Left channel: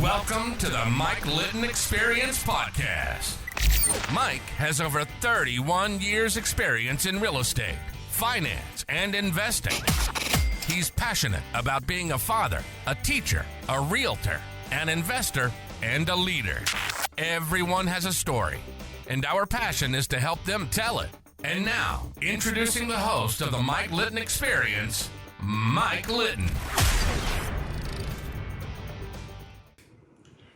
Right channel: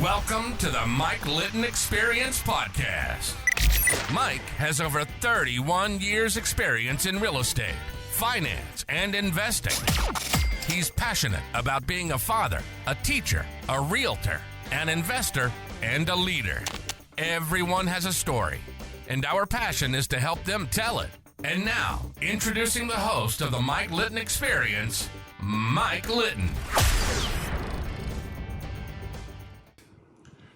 Welcome to the Mike Litton Experience Podcast. Mike has over 31 years experience in real estate, finance, and investing. He's passionate about being a father, a teacher, a realtor, an investor, and a leader. Everyone has a story, and our passion is to help them tell it. And now, introducing the host of the Mike Litton Experience, Mike Litton.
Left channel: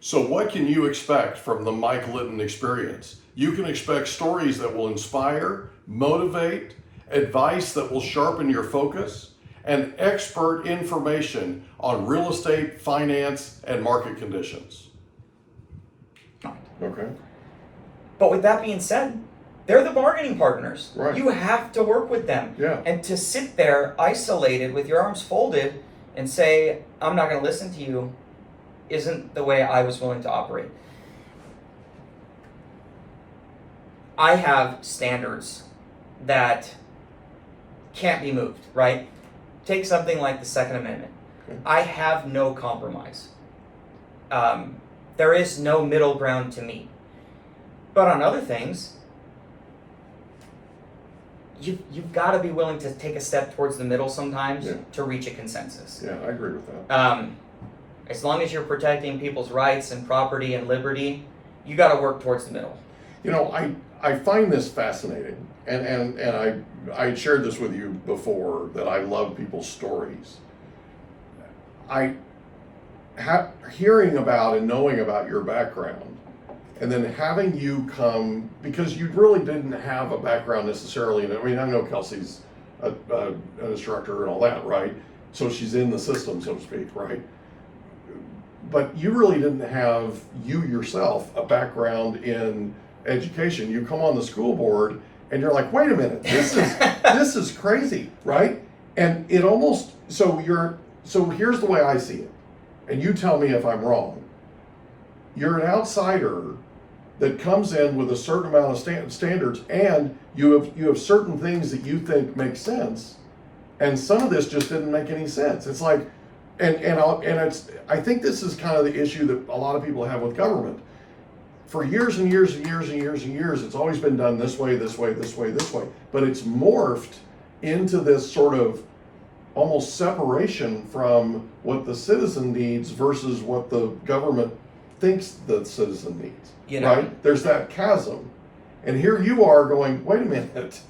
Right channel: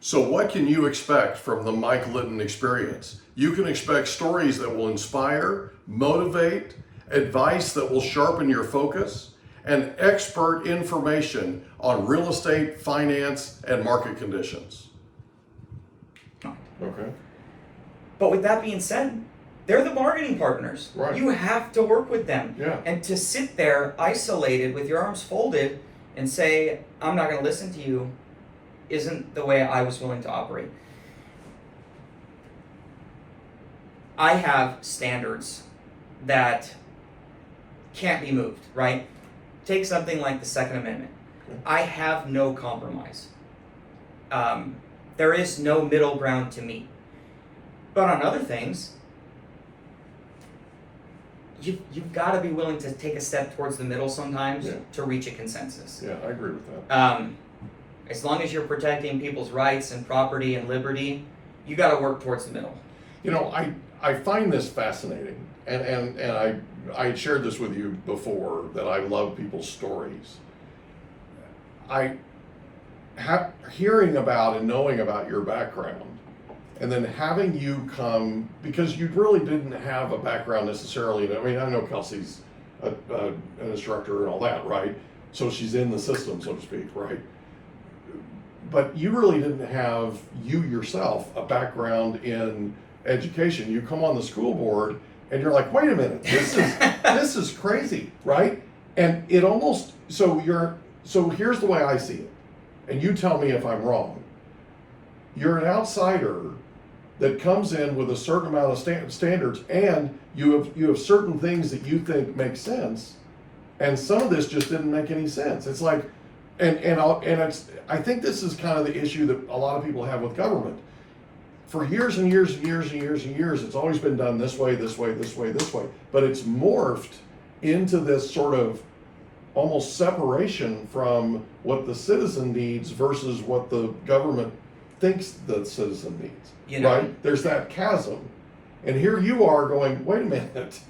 So what can you expect from the Mike Litton Experience? You can expect stories that will inspire, motivate, advice that will sharpen your focus, and expert information on real estate, finance, and market conditions. Okay. But with that being said, they're the bargaining partners. Right. You have to work with them. Yeah. And to sit there isolated with your arms folded and say, I'm not going to listen to you, isn't the way I was willing to operate. I have standards that can't be moved, right? Take something like the Second Amendment. Okay. I have no compromise. There is no middle ground to me. But on other things, you've got to be willing to take a step towards the middle sometimes to reach a consensus. Yeah, I agree with that. As long as you're protecting people's rights and property and liberty, you got to work towards the middle. You know, I find this fascinating, and I shared this with you before, that I love people's stories. Hearing about and knowing about your background, and then having you come, because you really didn't have a background necessarily. I mean, I know Kelsey's an instructor and all that, right? So she's in the system, so to speak, right? But you really didn't have, you yourself, a background in education. You come on the school board and you're like, wait a minute, this is crazy, right? And it almost, so here's the way I see it, and you tell me if I'm wrong. You're an outsider that comes in with a certain amount of standards, and you have certain things that you think make sense, and some of this just didn't make any sense. It's like, I think this is kind of the issue that a lot of people have with government. For years and years and years and years and years, it's always been done this way, this way, this way, this way. But it's morphed into this sort of almost separation from what the citizen needs versus what the government thinks the citizen needs, right? There's that chasm. And here you are going, wait a minute,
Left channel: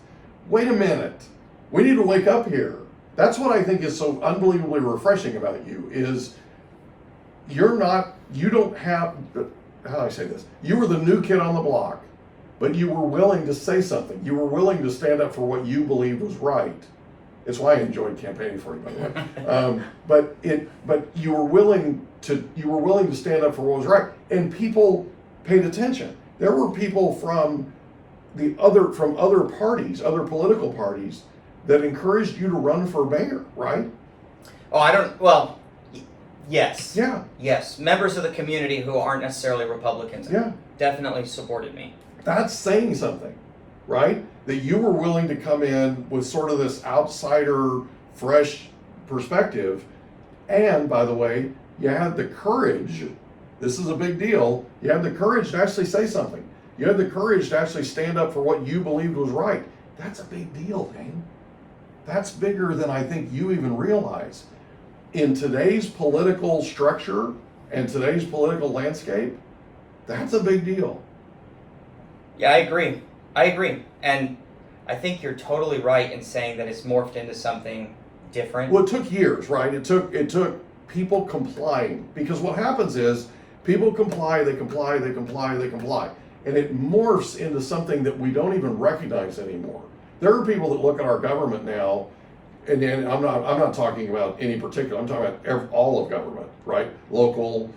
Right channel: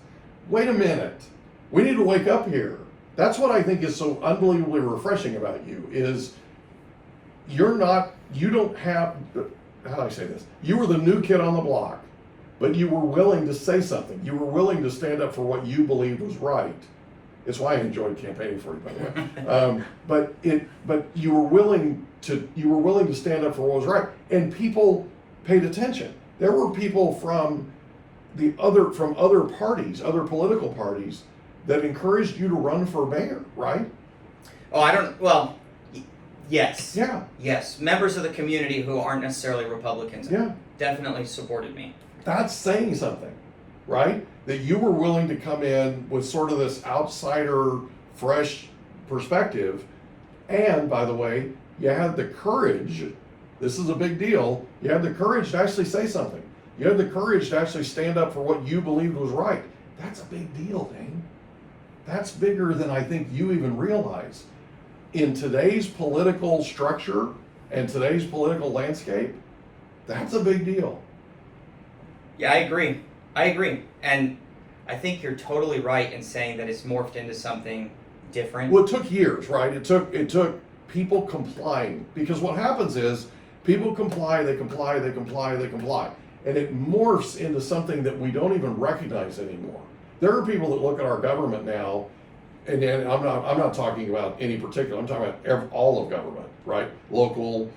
we need to wake up here. That's what I think is so unbelievably refreshing about you, is you don't have, how do I say this? You were the new kid on the block, but you were willing to say something. You were willing to stand up for what you believed was right. It's why I enjoyed campaigning for you, by the way. But you were willing to stand up for what was right, and people paid attention. There were people from other parties, other political parties, that encouraged you to run for mayor, right? Yes. Yeah. Yes. Members of the community who aren't necessarily Republicans definitely supported me. That's saying something, right? That you were willing to come in with sort of this outsider, fresh perspective. And by the way, you had the courage, this is a big deal, you had the courage to actually say something. You had the courage to actually stand up for what you believed was right. That's a big deal, Dane. That's bigger than I think you even realize. In today's political structure and today's political landscape, that's a big deal. Yeah, I agree. And I think you're totally right in saying that it's morphed into something different. Well, it took years, right? It took people complying, because what happens is people comply, they comply. And it morphs into something that we don't even recognize anymore. There are people that look at our government now, and I'm not talking about any particular, I'm talking about all of government, right? Local,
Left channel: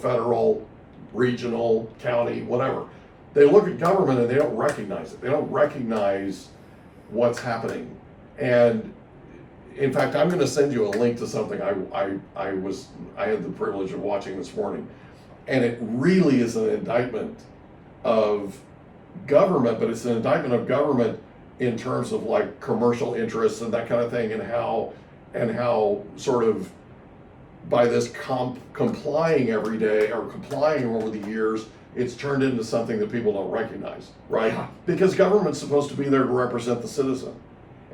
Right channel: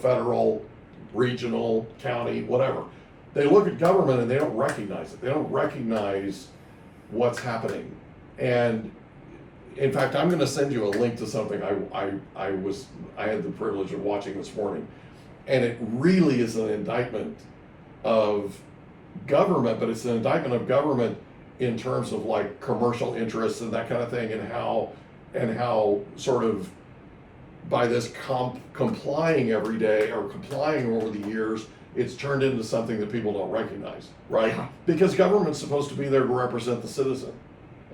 federal, regional, county, whatever. They look at government and they don't recognize it. They don't recognize what's happening. And in fact, I'm going to send you a link to something I had the privilege of watching this morning, and it really is an indictment of government, but it's an indictment of government in terms of like commercial interests and that kind of thing, and how sort of by this complying every day or complying over the years, it's turned into something that people don't recognize, right? Yeah. Because government's supposed to be there to represent the citizen.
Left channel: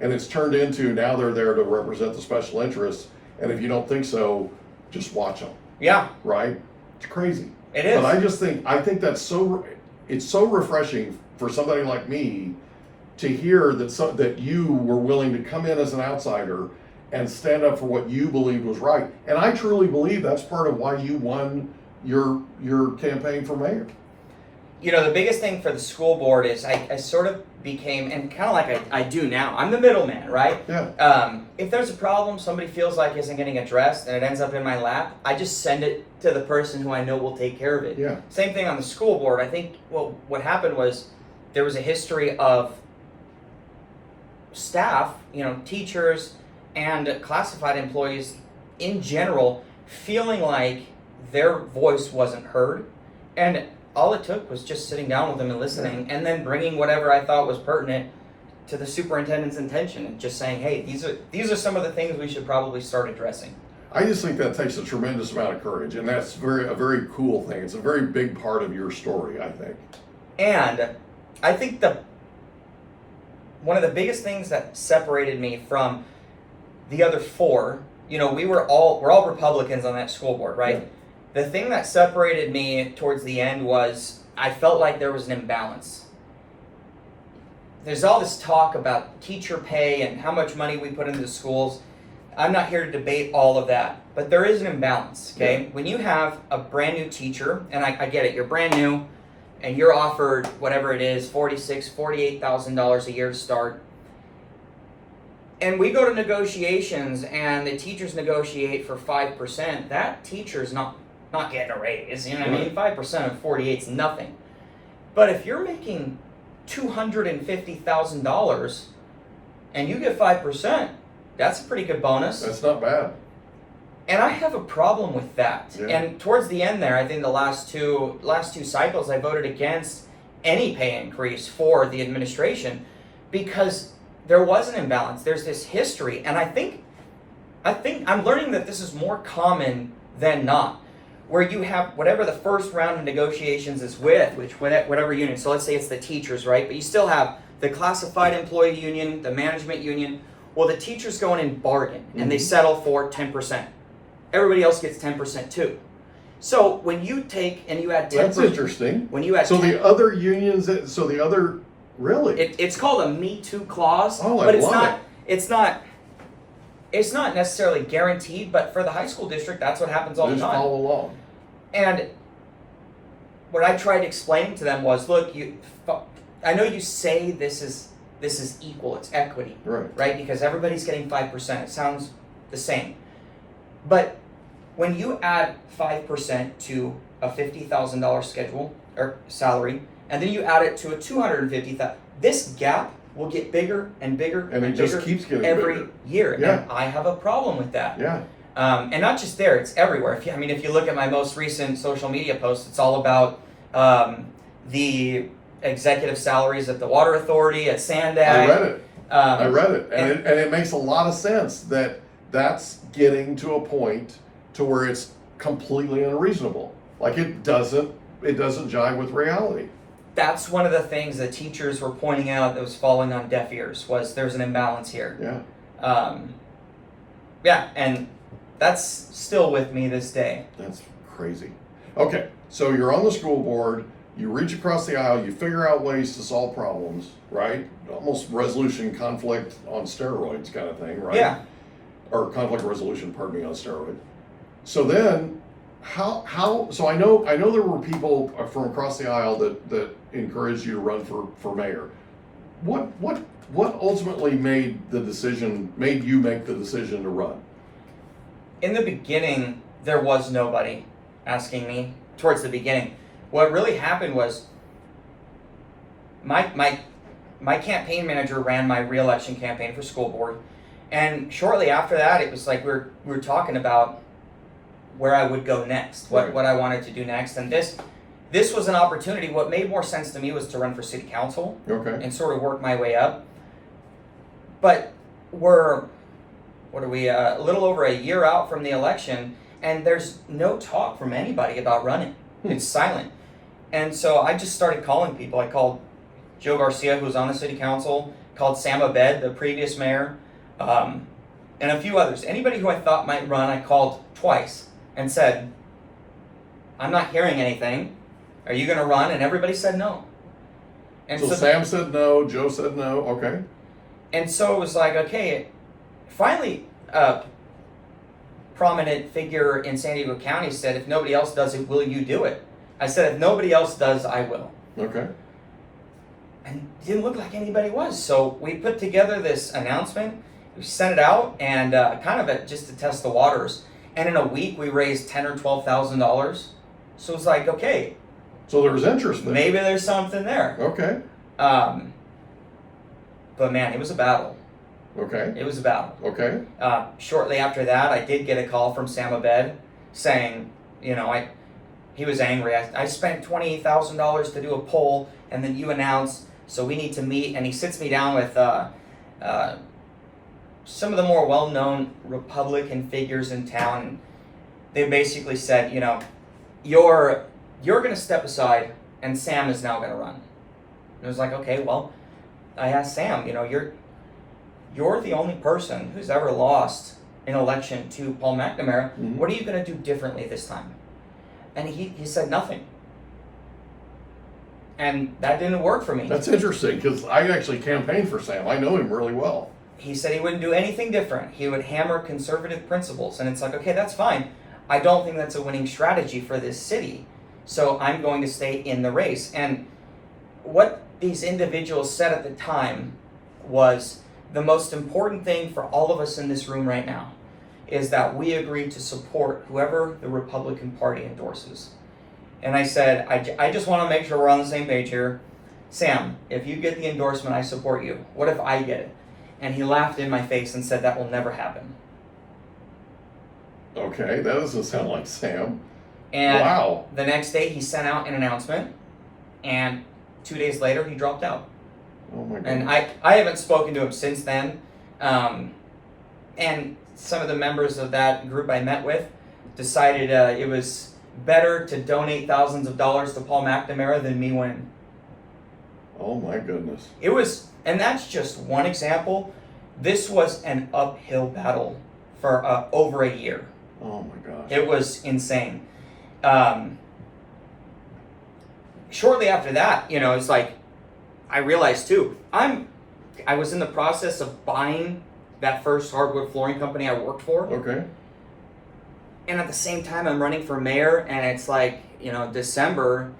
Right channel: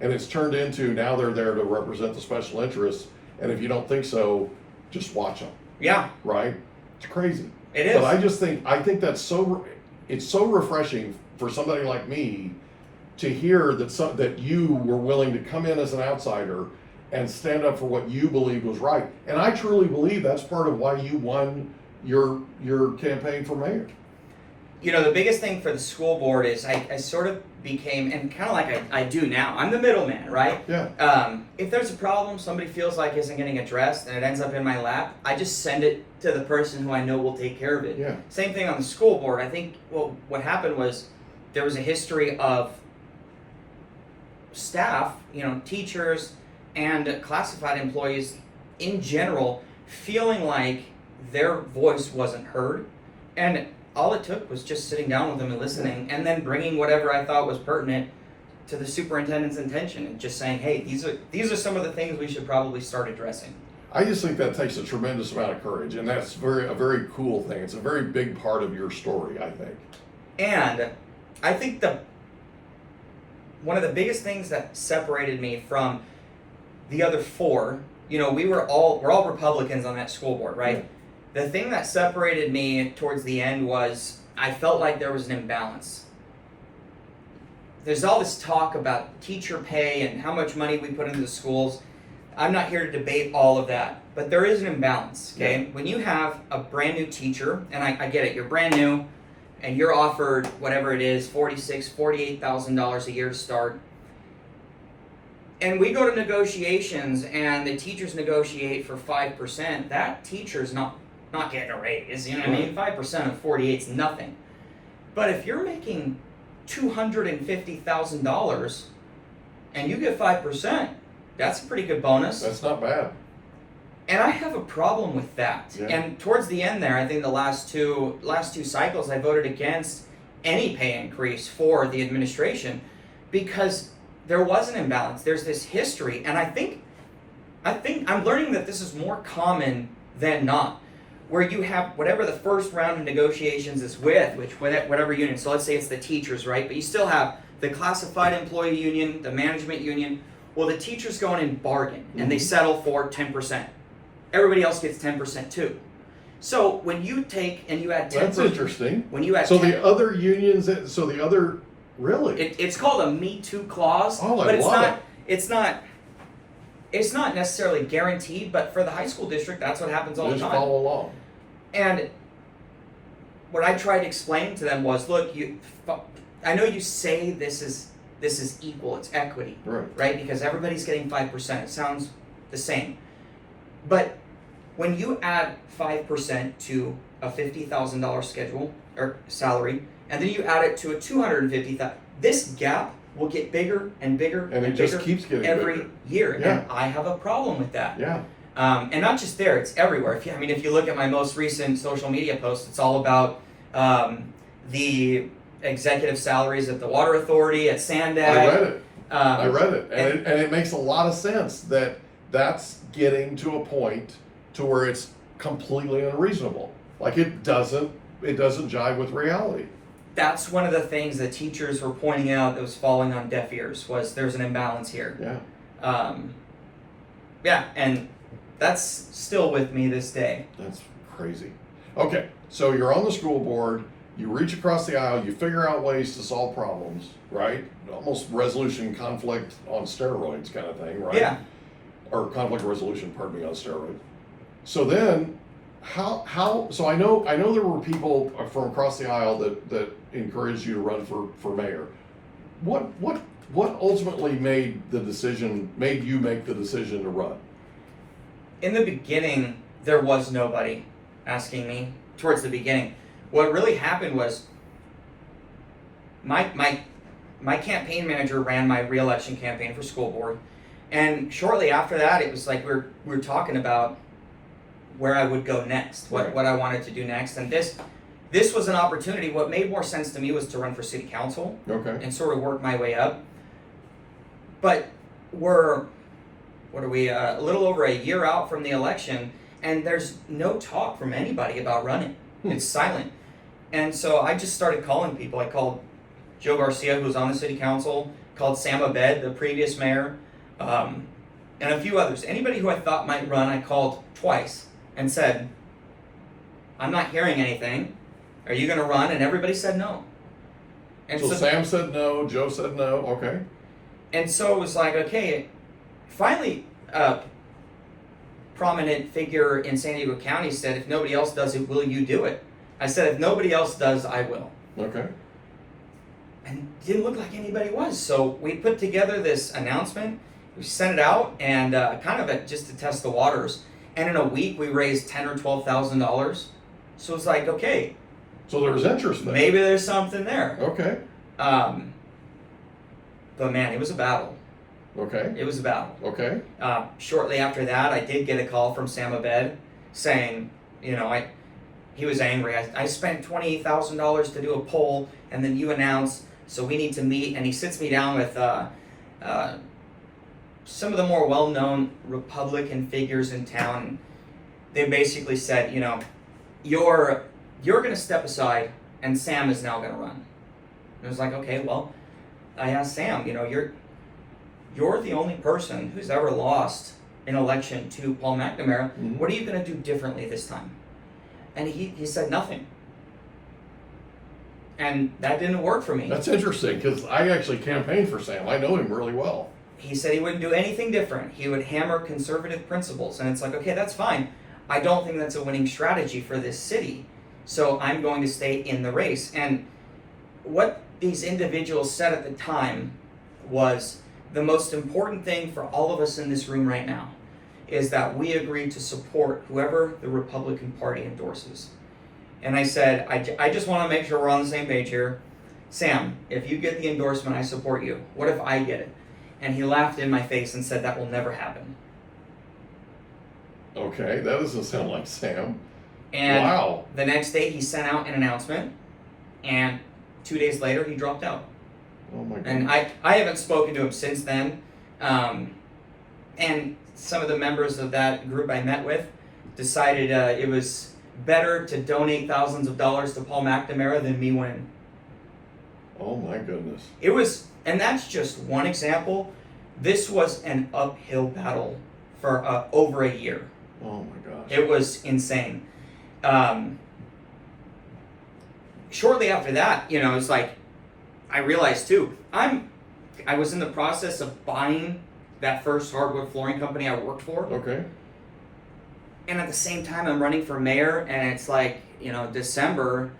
And it's turned into now they're there to represent the special interests. And if you don't think so, just watch them. Yeah. Right? It's crazy. It is. But I think that's it's so refreshing for somebody like me to hear that you were willing to come in as an outsider and stand up for what you believed was right. And I truly believe that's part of why you won your campaign for mayor. You know, the biggest thing for the school board is I sort of became, and kind of like I do now, I'm the middleman, right? Yeah. If there's a problem somebody feels like isn't getting addressed and it ends up in my lap, I just send it to the person who I know will take care of it. Yeah. Same thing on the school board. I think what happened was there was a history of staff, you know, teachers and classified employees in general feeling like their voice wasn't heard, and all it took was just sitting down with them and listening, and then bringing whatever I thought was pertinent to the superintendent's attention and just saying, hey, these are some of the things we should probably start addressing. I just think that takes a tremendous amount of courage, and that's a very cool thing. It's a very big part of your story, I think. And I think one of the biggest things that separated me from the other four, you know, we're all Republicans on that school board, right? Yeah. The thing that separated me towards the end was I felt like there was an imbalance. There's all this talk about teacher pay and how much money we put into the schools. I'm not here to debate all of that, but there is an imbalance, okay? Yeah. When you have a brand new teacher, and I get it, you're brand new, and you're offered whatever it is, $46,000, $48,000 a year to start, and we go to negotiations and the teachers negotiate for 5%, that teacher's not getting a raise, you know what I mean? 5% of 48 is nothing. But if you're making $250,000 and you get 5%, that's a pretty good bonus. That's not bad. And I have a problem with that. Yeah. And towards the end there, I think the last two cycles I voted against any pay increase for the administration because there was an imbalance. There's this history, and I think I'm learning that this is more common than not, where you have whatever the first round of negotiations is with, whatever union. So let's say it's the teachers, right? But you still have the classified employee union, the management union. Well, the teachers go in and bargain, and they settle for 10%. Everybody else gets 10% too. So when you take and you add 10%, That's interesting. When you add the other unions, really? It's called a Me Too clause, Oh, but I love it. it's not necessarily guaranteed, but for the high school district, that's what happens all the Just time. follow along. And what I tried explaining to them was, look, I know you say this is equal, it's equity, right? Because everybody's getting 5%. It sounds the same. But when you add 5% to a $50,000 schedule or salary, and then you add it to a $250,000, this gap will get bigger and bigger And it bigger just keeps getting every bigger. year. Yeah. And I have a problem with that. Yeah. And not just there, it's everywhere. If you look at my most recent social media post, it's all about the executive salaries at the Water Authority, at Sandag. I read it. And it makes a lot of sense that's getting to a point to where it's completely unreasonable. Like it doesn't jive with reality. That's one of the things that teachers were pointing out that was falling on deaf ears, was there's an imbalance here. Yeah. And that's still with me this day. That's crazy. Okay, so you're on the school board, you reach across the aisle, you figure out ways to solve problems, right? Almost resolution conflict on steroids kind of thing, right? Yeah. Or conflict resolution, pardon me, on steroids. So then, so I know there were people from across the aisle that encouraged you to run for mayor. What ultimately made you make the decision to run? In the beginning, there was nobody asking me towards the beginning. What really happened was my campaign manager ran my re-election campaign for school board, and shortly after that, it was like we were talking about where I would go next, what I wanted to do next, and this was an opportunity. What made more sense to me was to run for city council, and sort of work my way up. But we're a little over a year out from the election, And there's no talk from anybody about running. It's silent. And so I just started calling people. I called Joe Garcia, who was on the city council, called Sam Abed, the previous mayor, and a few others. Anybody who I thought might run, I called twice and said, I'm not hearing anything. Are you going to run? And everybody said no. And so Sam said no, Joe said no, okay. And so it was like, okay, finally, prominent figure in San Diego County said, if nobody else does it, will you do it? I said, if nobody else does, I will. Okay. And it didn't look like anybody was. So we put together this announcement, we sent it out, and just to test the waters. And in a week, we raised $10,000 or $12,000. So it's like, okay. So there was interest there. Maybe there's something there. Okay. But man, it was a battle. Okay. It was a battle. Okay. Shortly after that, I did get a call from Sam Abed saying, he was angry. I spent $28,000 to do a poll, and then you announced, so we need to meet. And he sits me down with some of the more well-known Republican figures in town. They basically said, you're going to step aside, and Sam is now going to run. And I was like, okay, well, I asked Sam, you're the only person who's ever lost an election to Paul McNamara. Mm-hmm. What are you going to do differently this time? And he said nothing. And that didn't work for me. That's interesting, because I actually campaigned for Sam. I know him really well. He said he wouldn't do anything different. He would hammer conservative principles. And it's like, okay, that's fine. I don't think that's a winning strategy for this city. So I'm going to stay in the race. And what these individuals said at the time was, the most important thing for all of us in this room right now is that we agree to support whoever the Republican Party endorses. And I said, I just want to make sure we're on the same page here. Sam, if you get the endorsement, I support you. What if I get it? And he laughed in my face and said, that will never happen. Okay, that doesn't sound like Sam. And wow. The next day he sent out an announcement, and 2 days later he dropped out. Oh my God. And I haven't spoken to him since then. And some of the members of that group I met with decided it was better to donate thousands of dollars to Paul McNamara than me win. Oh my goodness. It was, and that's just one example. This was an uphill battle for over a year. Oh my gosh. It was insane. Shortly after that, it's like, I realized too, I was in the process of buying that first hardwood flooring company I worked for. Okay. And at the same time, I'm running for mayor, and it's like, December,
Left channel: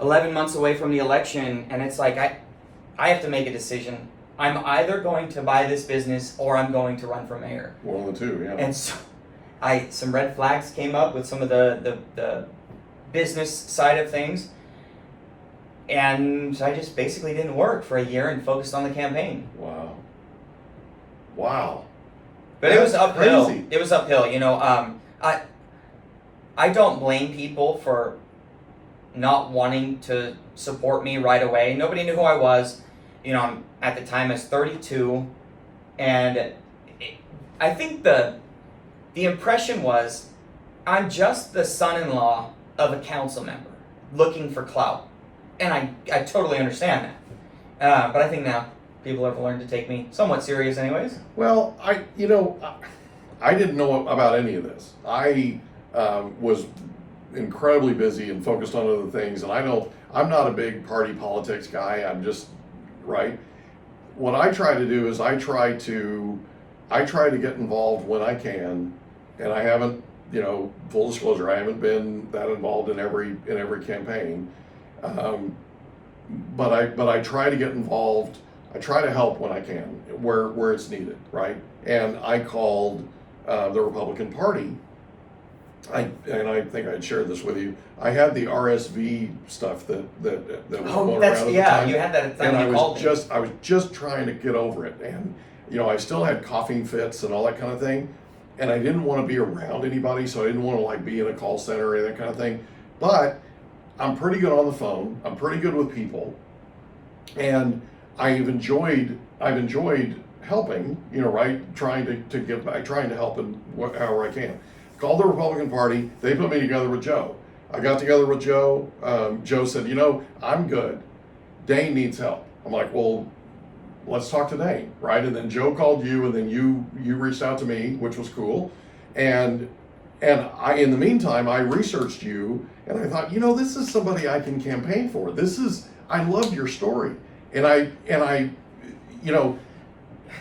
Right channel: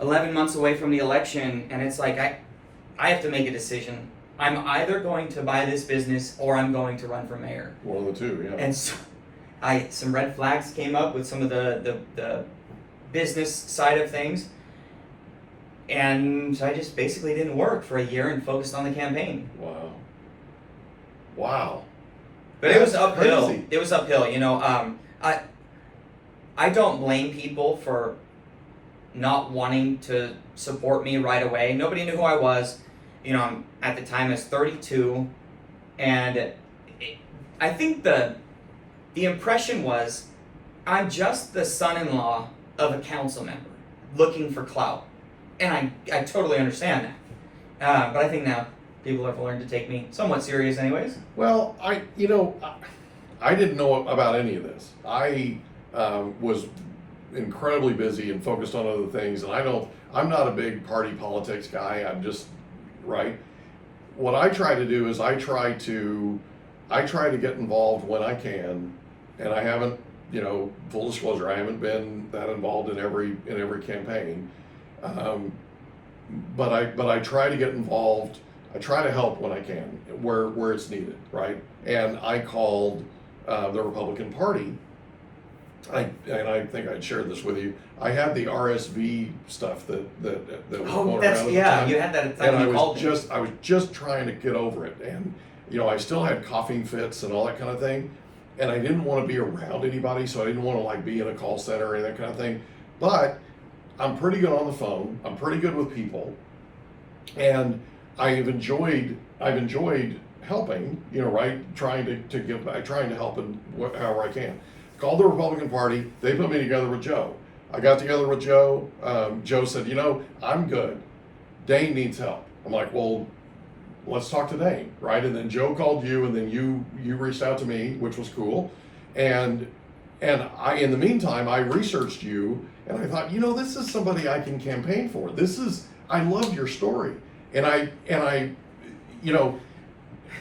11 months away from the election, and it's like, I have to make a decision. I'm either going to buy this business or I'm going to run for mayor. One of the two, yeah. And so some red flags came up with some of the business side of things. And I just basically didn't work for a year and focused on the campaign. Wow. Wow. But That's it was uphill. crazy. It was uphill. I don't blame people for not wanting to support me right away. Nobody knew who I was. At the time I was 32, and I think the impression was I'm just the son-in-law of a council member looking for clout. And I totally understand that. But I think now people have learned to take me somewhat serious anyways. Well, I didn't know about any of this. I was incredibly busy and focused on other things, and I'm not a big party politics guy. I'm just, right? What I try to do is I try to get involved when I can, and I haven't, full disclosure, I haven't been that involved in every campaign. But I try to get involved. I try to help when I can, where it's needed, right? And I called the Republican Party. I think I'd shared this with you. I had the RSV stuff that was going around at the time. You had that at the time and you called me. I was just trying to get over it, and I still had coughing fits and all that kind of thing, and I didn't want to be around anybody, so I didn't want to be in a call center or that kind of thing. But I'm pretty good on the phone. I'm pretty good with people, and I've enjoyed helping. Right, trying to give back, trying to help in however I can. called the Republican Party. They put me together with Joe. I got together with Joe. Joe said, I'm good. Dane needs help. I'm like, well, let's talk to Dane, right? And then Joe called you, and then you reached out to me, which was cool. And I, in the meantime, I researched you, and I thought, this is somebody I can campaign for. I loved your story, and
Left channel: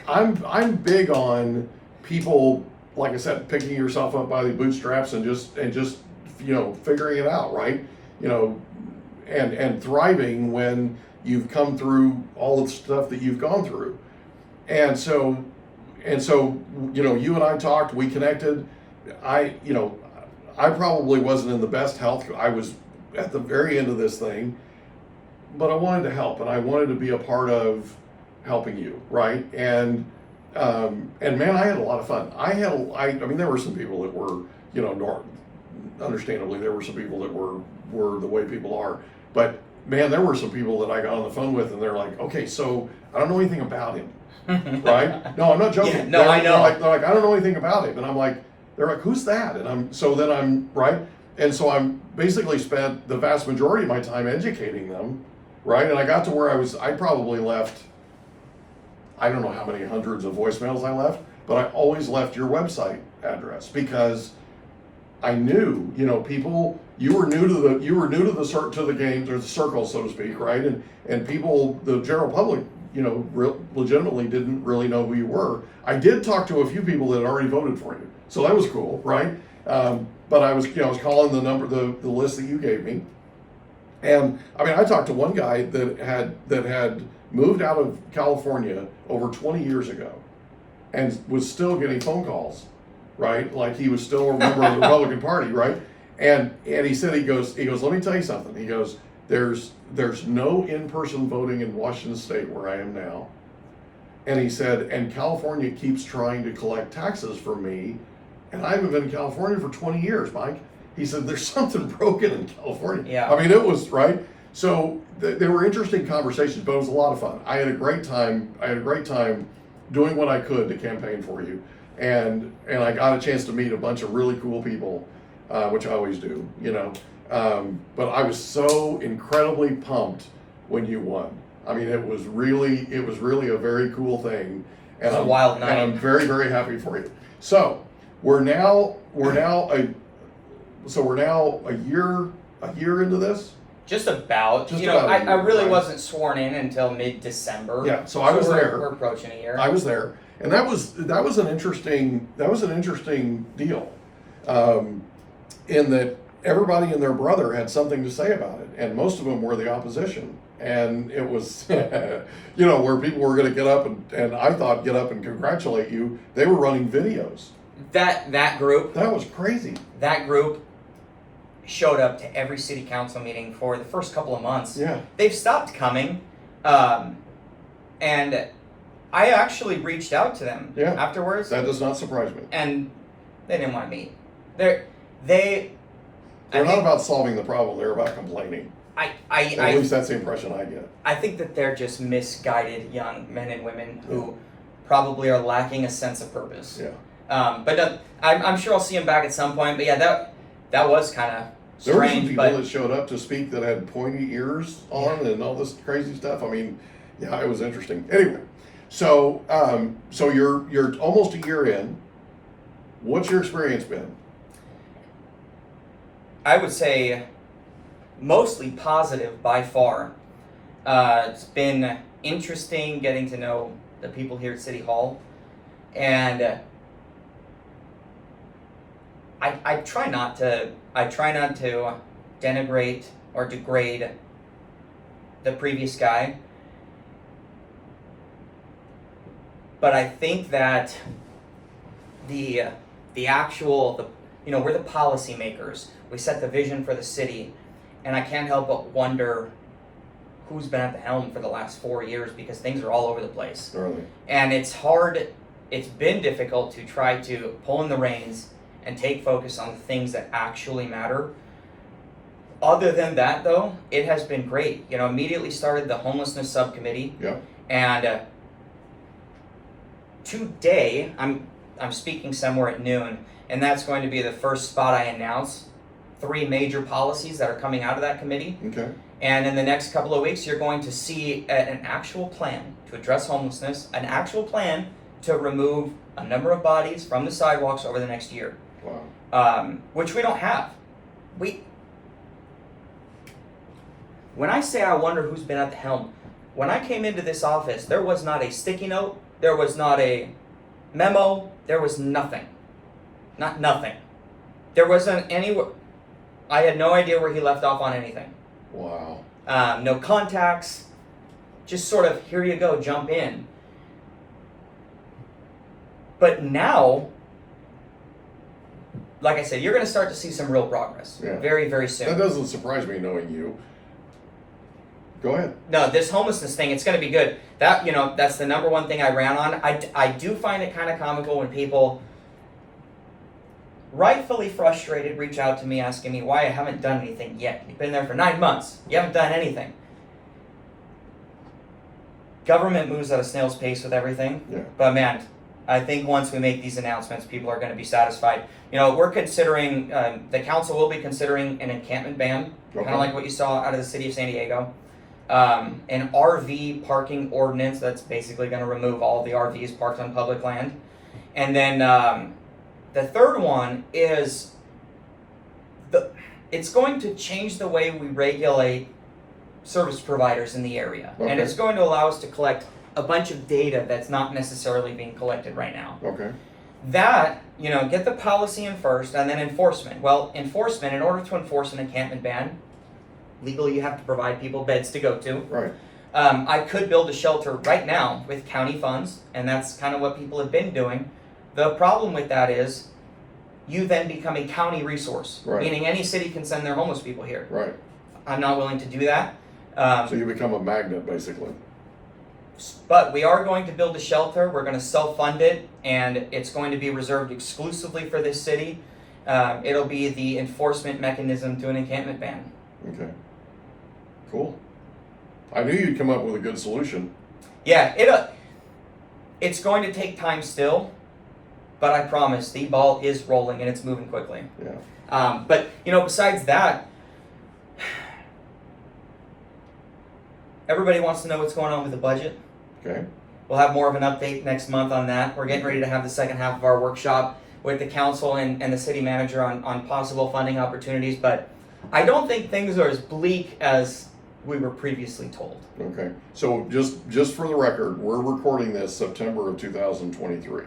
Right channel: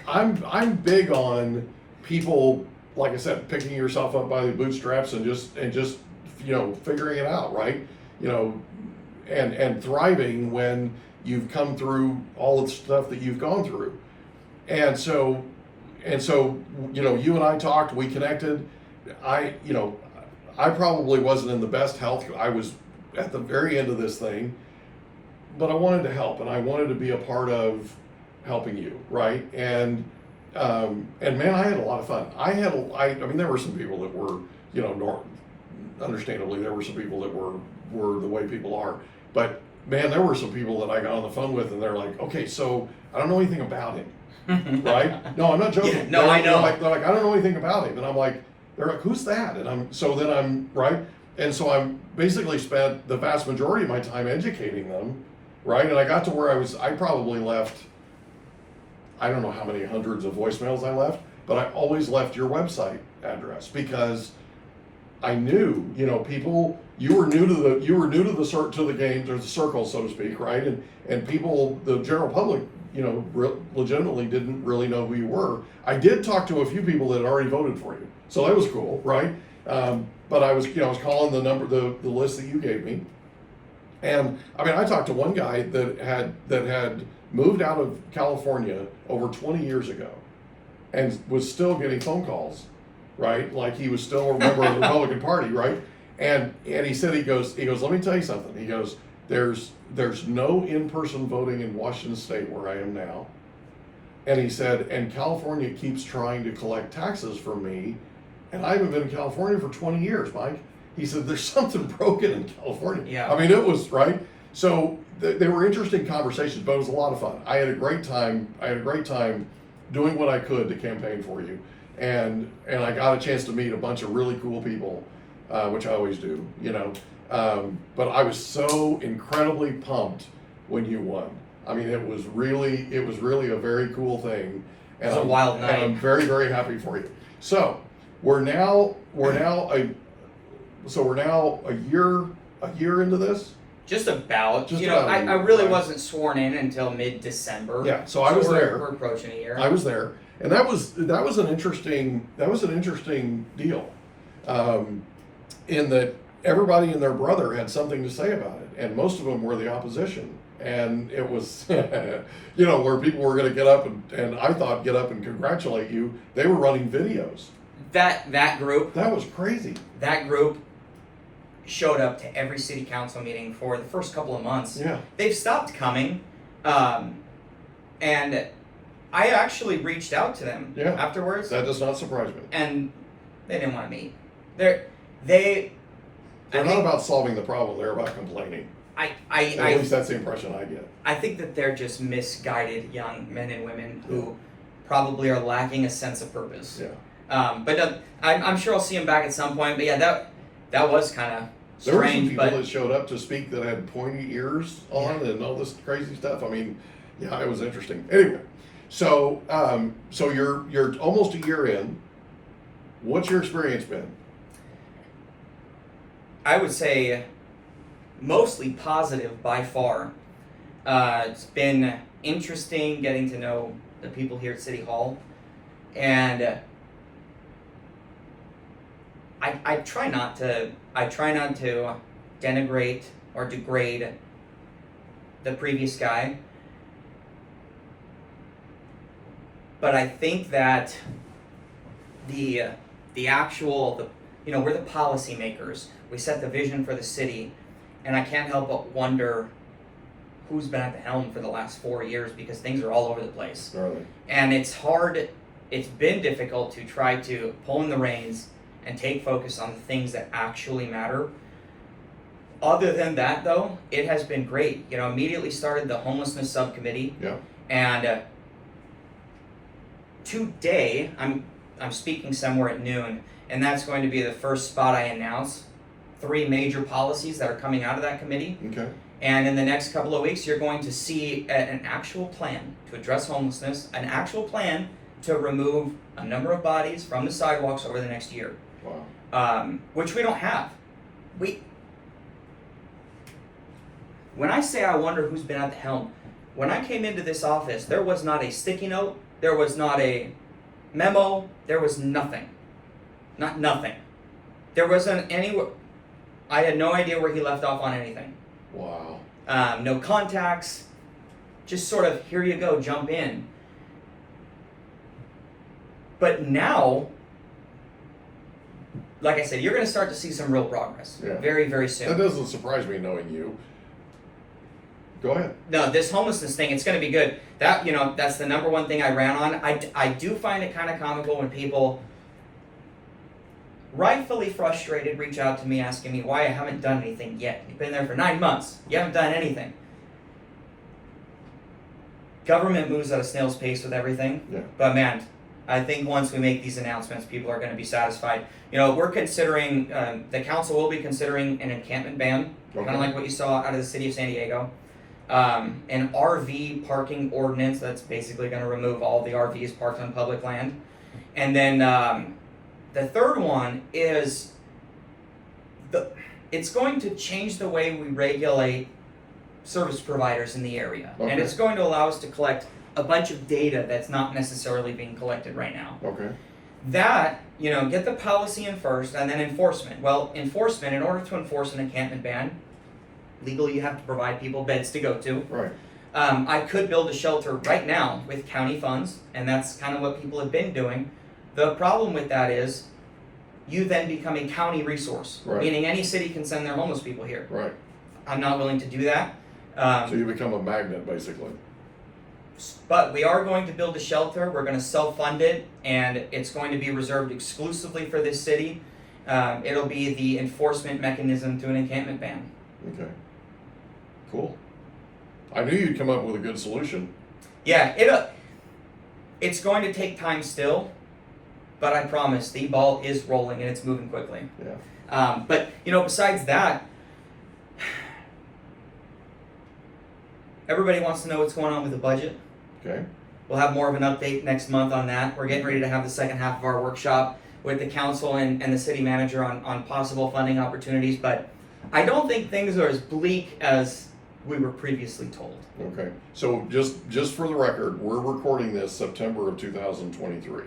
I'm big on people, like I said, picking yourself up by the bootstraps and just figuring it out, right? And thriving when you've come through all the stuff that you've gone through. And so you and I talked, we connected. I probably wasn't in the best health. I was at the very end of this thing, but I wanted to help, and I wanted to be a part of helping you, right? And man, I had a lot of fun. I mean, there were some people that were, understandably, there were some people that were the way people are, but man, there were some people that I got on the phone with, and they're like, okay, so I don't know anything about him, right? No, I'm not joking. Yeah, no, I know. They're like, I don't know anything about him, and I'm like, they're like, who's that? And I'm right, and so I'm basically spent the vast majority of my time educating them, right? And I got to where I probably left, I don't know how many hundreds of voicemails I left, but I always left your website address because I knew, people, you were new to the games, or the circle, so to speak, right? And people, the general public, legitimately didn't really know who you were. I did talk to a few people that had already voted for you, so that was cool, right? But I was calling the list that you gave me, and I mean, I talked to one guy that had moved out of California over 20 years ago, and was still getting phone calls, right? Like he was still a member of the Republican Party, right? And he said, he goes, let me tell you something. He goes, there's no in-person voting in Washington State where I am now. And he said, and California keeps trying to collect taxes from me, and I haven't been in California for 20 years, Mike. He said, there's something broken in California. Yeah. I mean, it was, right? So they were interesting conversations, but it was a lot of fun. I had a great time doing what I could to campaign for you. And I got a chance to meet a bunch of really cool people, which I always do, but I was so incredibly pumped when you won. I mean, it was really a very cool thing. And It was a wild night. And I'm very, very happy for you. So we're now a year into this. Just about. Just about a year, I really right? wasn't sworn in until mid-December. Yeah, so I was there. We're approaching a year. I was there, and that was an interesting deal, in that everybody and their brother had something to say about it, and most of them were the opposition, and it was where people were going to get up and I thought get up and congratulate you. They were running videos. That group. That was crazy. That group showed up to every city council meeting for the first couple of months. Yeah. They've stopped coming, and I actually reached out to them afterwards. That does not surprise me. And they didn't want to meet. They're not about solving the problem. They're about complaining. At least that's the impression I get. I think that they're just misguided young men and women who probably are lacking a sense of purpose. Yeah. But I'm sure I'll see them back at some point. But yeah, that was kind of There were some strange. people But that showed up to speak that had pointy ears on and all this crazy stuff. I mean, yeah, it was interesting. Anyway, so you're almost a year in. What's your experience been? I would say mostly positive by far. It's been interesting getting to know the people here at City Hall, and I try not to denigrate or degrade the previous guy, but I think that we're the policymakers. We set the vision for the city, and I can't help but wonder who's been at the helm for the last 4 years, because things are all over the place. Early. And it's been difficult to try to pull in the reins and take focus on the things that actually matter. Other than that, though, it has been great. Immediately started the homelessness subcommittee. Yeah. And today, I'm speaking somewhere at noon, and that's going to be the first spot I announce 3 major policies that are coming out of that committee. Okay. And in the next couple of weeks, you're going to see an actual plan to address homelessness, an actual plan to remove a number of bodies from the sidewalks over the next year. Wow. Which we don't have. When I say I wonder who's been at the helm, when I came into this office, there was not a sticky note, there was not a memo, there was nothing. Nothing. There wasn't any. I had no idea where he left off on anything. Wow. No contacts. Just sort of, here you go, jump in. But now, like I said, you're going to start to see some real progress. Yeah. Very, very soon. That doesn't surprise me knowing you. Go ahead. No, this homelessness thing, it's going to be good. That's the number one thing I ran on. I do find it kind of comical when people, rightfully frustrated, reach out to me asking me why I haven't done anything yet. You've been there for 9 months. You haven't done anything. Government moves at a snail's pace with everything. Yeah. But man, I think once we make these announcements, people are going to be satisfied. We're considering, the council will be considering an encampment ban, Okay. kind of like what you saw out of the city of San Diego. An RV parking ordinance that's basically going to remove all the RVs parked on public land. And then the third one is it's going to change the way we regulate service providers in the area. Okay. And it's going to allow us to collect a bunch of data that's not necessarily being collected right now. Okay. That, get the policy in first and then enforcement. Well, enforcement, in order to enforce an encampment ban, legally you have to provide people beds to go to. Right. I could build a shelter right now with county funds, and that's kind of what people have been doing. The problem with that is you then become a county resource, Right. meaning any city can send their homeless people here. Right. I'm not willing to do that. So you become a magnet, basically. But we are going to build a shelter. We're going to self-fund it, and it's going to be reserved exclusively for this city. It'll be the enforcement mechanism to an encampment ban. Okay. Cool. I knew you'd come up with a good solution. Yeah, it's going to take time still, but I promise the ball is rolling and it's moving quickly. Yeah. But besides that, everybody wants to know what's going on with the budget. Okay. We'll have more of an update next month on that. We're getting ready to have the second half of our workshop with the council and the city manager on possible funding opportunities, but I don't think things are as bleak as we were previously told. Okay. So just for the record, we're recording this September of 2023.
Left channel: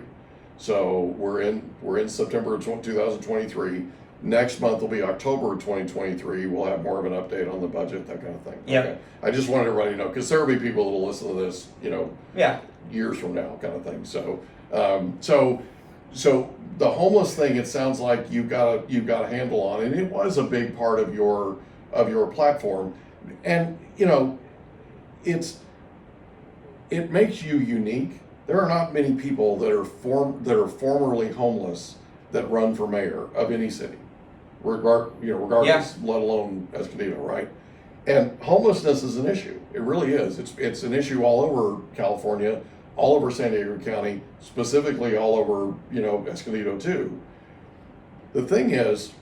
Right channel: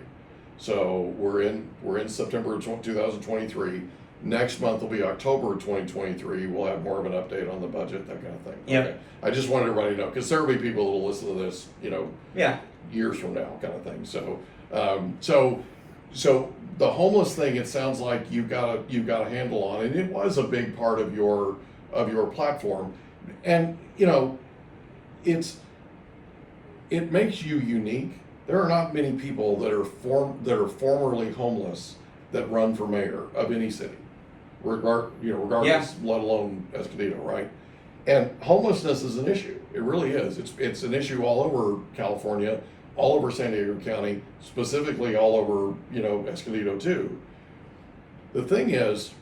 So we're in September of 2023. Next month will be October of 2023. We'll have more of an update on the budget, that kind of thing. Yep. Okay. I just wanted everybody to know, because there will be people that will listen to this, Yeah. years from now, kind of thing. So the homeless thing, it sounds like you've got a handle on, and it was a big part of your platform, and it makes you unique. There are not many people that are formerly homeless that run for mayor of any city, regardless, Yeah. let alone Escondido, right? And homelessness is an issue. It really is. It's an issue all over California, all over San Diego County, specifically all over, Escondido too. The thing is,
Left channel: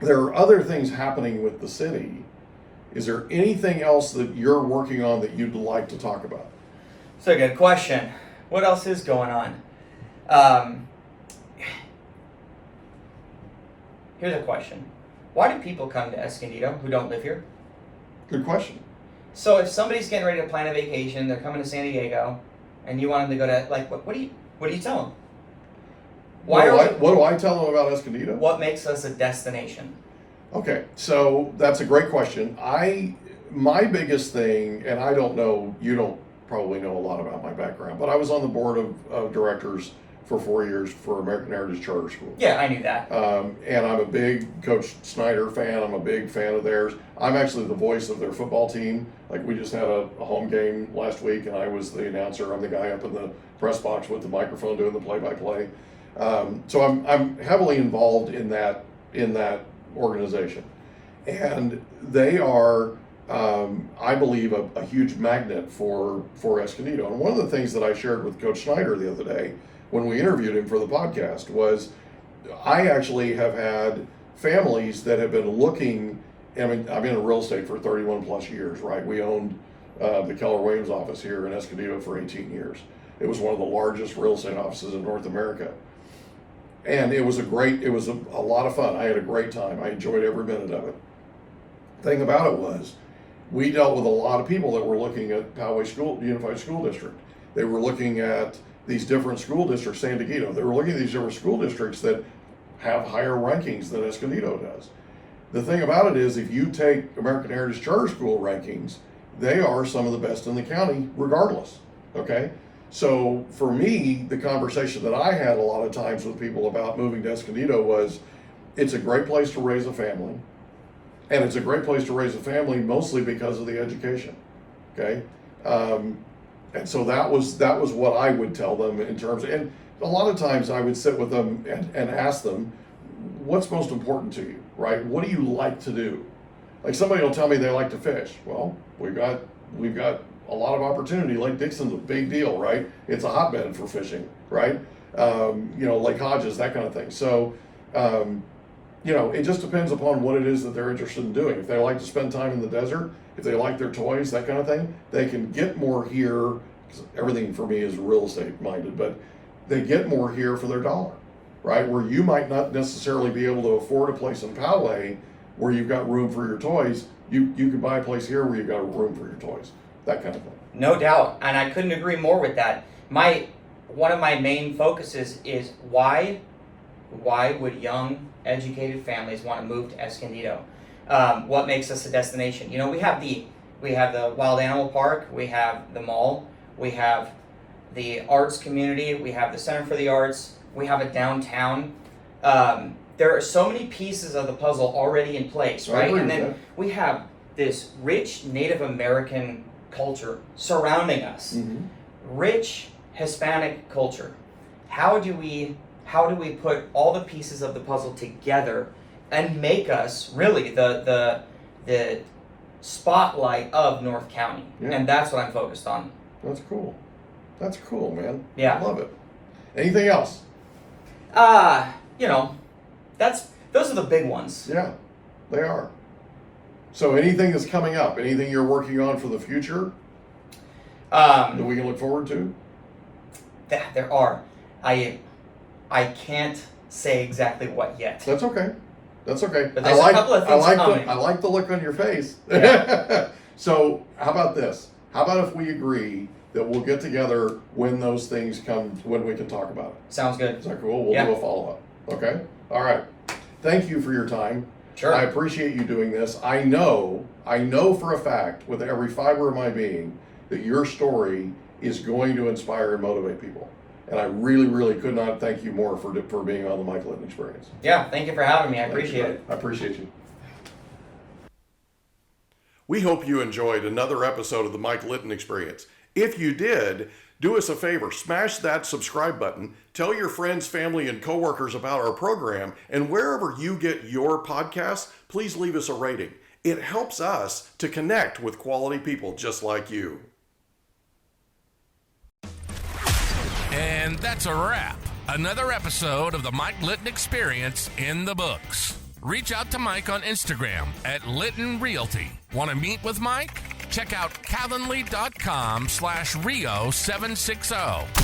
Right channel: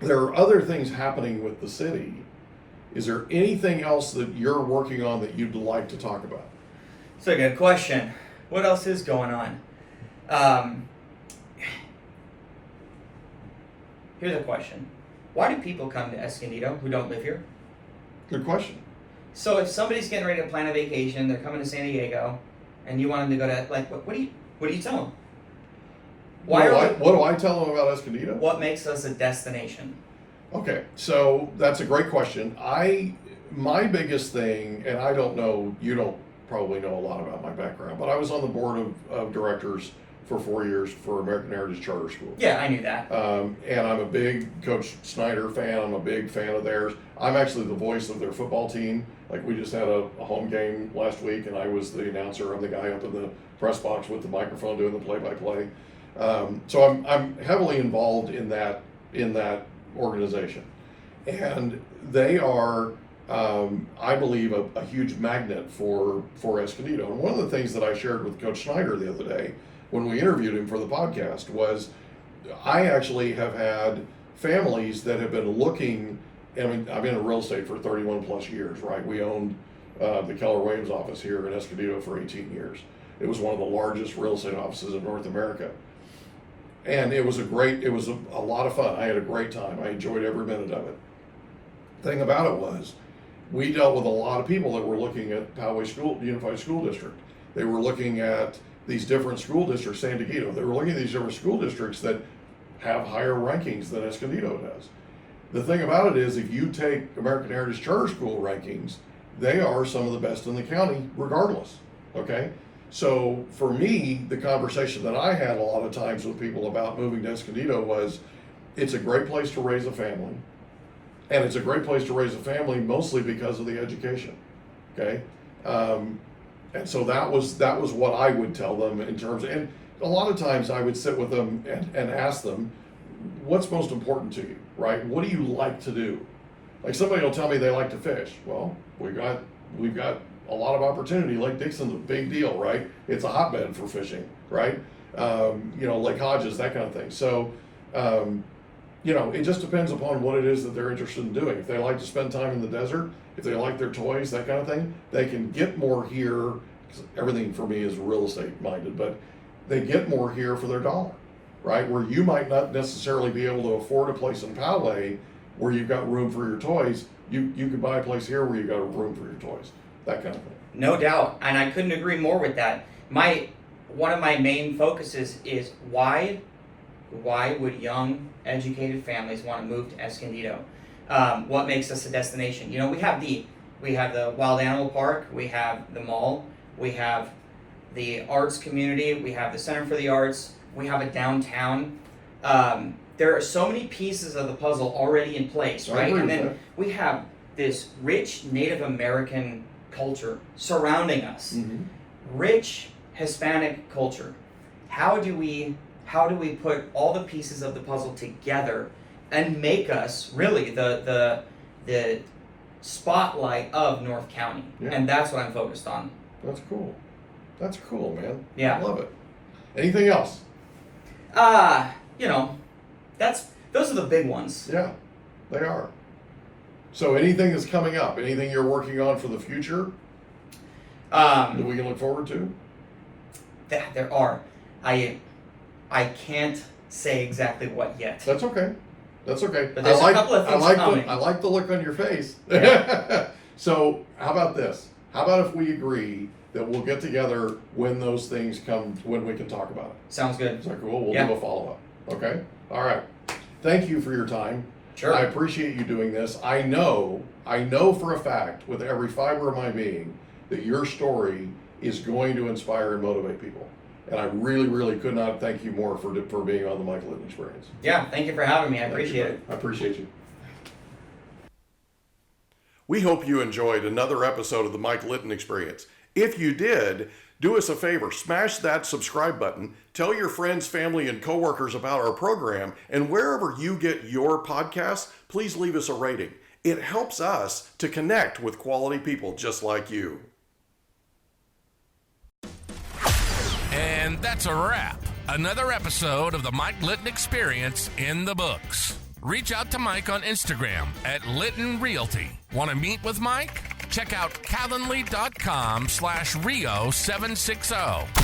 there are other things happening with the city. Is there anything else that you're working on that you'd like to talk about? It's a good question. What else is going on? Here's a question. Why do people come to Escondido who don't live here? Good question. So if somebody's getting ready to plan a vacation, they're coming to San Diego, and you want them to go to, what do you tell them? What do I tell them about Escondido? What makes us a destination? Okay, so that's a great question. My biggest thing, and I don't know, you don't probably know a lot about my background, but I was on the board of directors for 4 years for American Heritage Charter School. Yeah, I knew that. And I'm a big Coach Snyder fan. I'm a big fan of theirs. I'm actually the voice of their football team. Like, we just had a home game last week, and I was the announcer. I'm the guy up in the press box with the microphone doing the play-by-play. So I'm heavily involved in that organization, and they are, I believe, a huge magnet for Escondido. And one of the things that I shared with Coach Snyder the other day when we interviewed him for the podcast was, I actually have had families that have been looking. I mean, I've been in real estate for 31 plus years, right? We owned the Keller Williams office here in Escondido for 18 years. It was one of the largest real estate offices in North America. And it was a lot of fun. I had a great time. I enjoyed every minute of it. The thing about it was, we dealt with a lot of people that were looking at Poway Unified School District. They were looking at these different school districts, San Diego. They were looking at these different school districts that have higher rankings than Escondido does. The thing about it is, if you take American Heritage Charter School rankings, they are some of the best in the county regardless, okay? So for me, the conversation that I had a lot of times with people about moving to Escondido was, it's a great place to raise a family. And it's a great place to raise a family mostly because of the education, okay? And so that was what I would tell them in terms of, and a lot of times I would sit with them and ask them, what's most important to you, right? What do you like to do? Like, somebody will tell me they like to fish. Well, we've got a lot of opportunity. Lake Dixon's a big deal, right? It's a hotbed for fishing, right? Lake Hodges, that kind of thing. So, it just depends upon what it is that they're interested in doing. If they like to spend time in the desert, if they like their toys, that kind of thing, they can get more here. 'Cause everything for me is real estate minded, but they get more here for their dollar, right? Where you might not necessarily be able to afford a place in Poway where you've got room for your toys. You can buy a place here where you've got room for your toys, that kind of thing. No doubt, and I couldn't agree more with that. One of my main focuses is why would young, educated families want to move to Escondido? What makes us a destination? We have the Wild Animal Park, we have the mall, we have the arts community, we have the Center for the Arts, we have a downtown. There are so many pieces of the puzzle already in place, right? And then we have this rich Native American culture surrounding us, Mm-hmm. rich Hispanic culture. How do we put all the pieces of the puzzle together and make us really the spotlight of North County? Yeah. And that's what I'm focused on. That's cool. That's cool, man. Yeah. I love it. Anything else? Those are the big ones. Yeah, they are. So anything that's coming up, anything you're working on for the future that we can look forward to? There are. I can't say exactly what yet. That's okay. That's okay. But there's a couple of things coming. I like the look on your face. Yeah. So how about this? How about if we agree that we'll get together when those things come, when we can talk about it? Sounds good. Is that cool? We'll do a follow-up. Okay? All right. Thank you for your time. Sure. I appreciate you doing this. I know for a fact, with every fiber of my being, that your story is going to inspire and motivate people. And I really, really could not thank you more for being on the Mike Litton Experience. Yeah, thank you for having me. I appreciate it. I appreciate you. We hope you enjoyed another episode of the Mike Litton Experience. If you did, do us a favor, smash that subscribe button, tell your friends, family, and coworkers about our program, and wherever you get your podcasts, please leave us a rating. It helps us to connect with quality people just like you. And that's a wrap. Another episode of the Mike Litton Experience in the books. Reach out to Mike on Instagram at Litton Realty. Want to meet with Mike? Check out calendly.com/Rio760.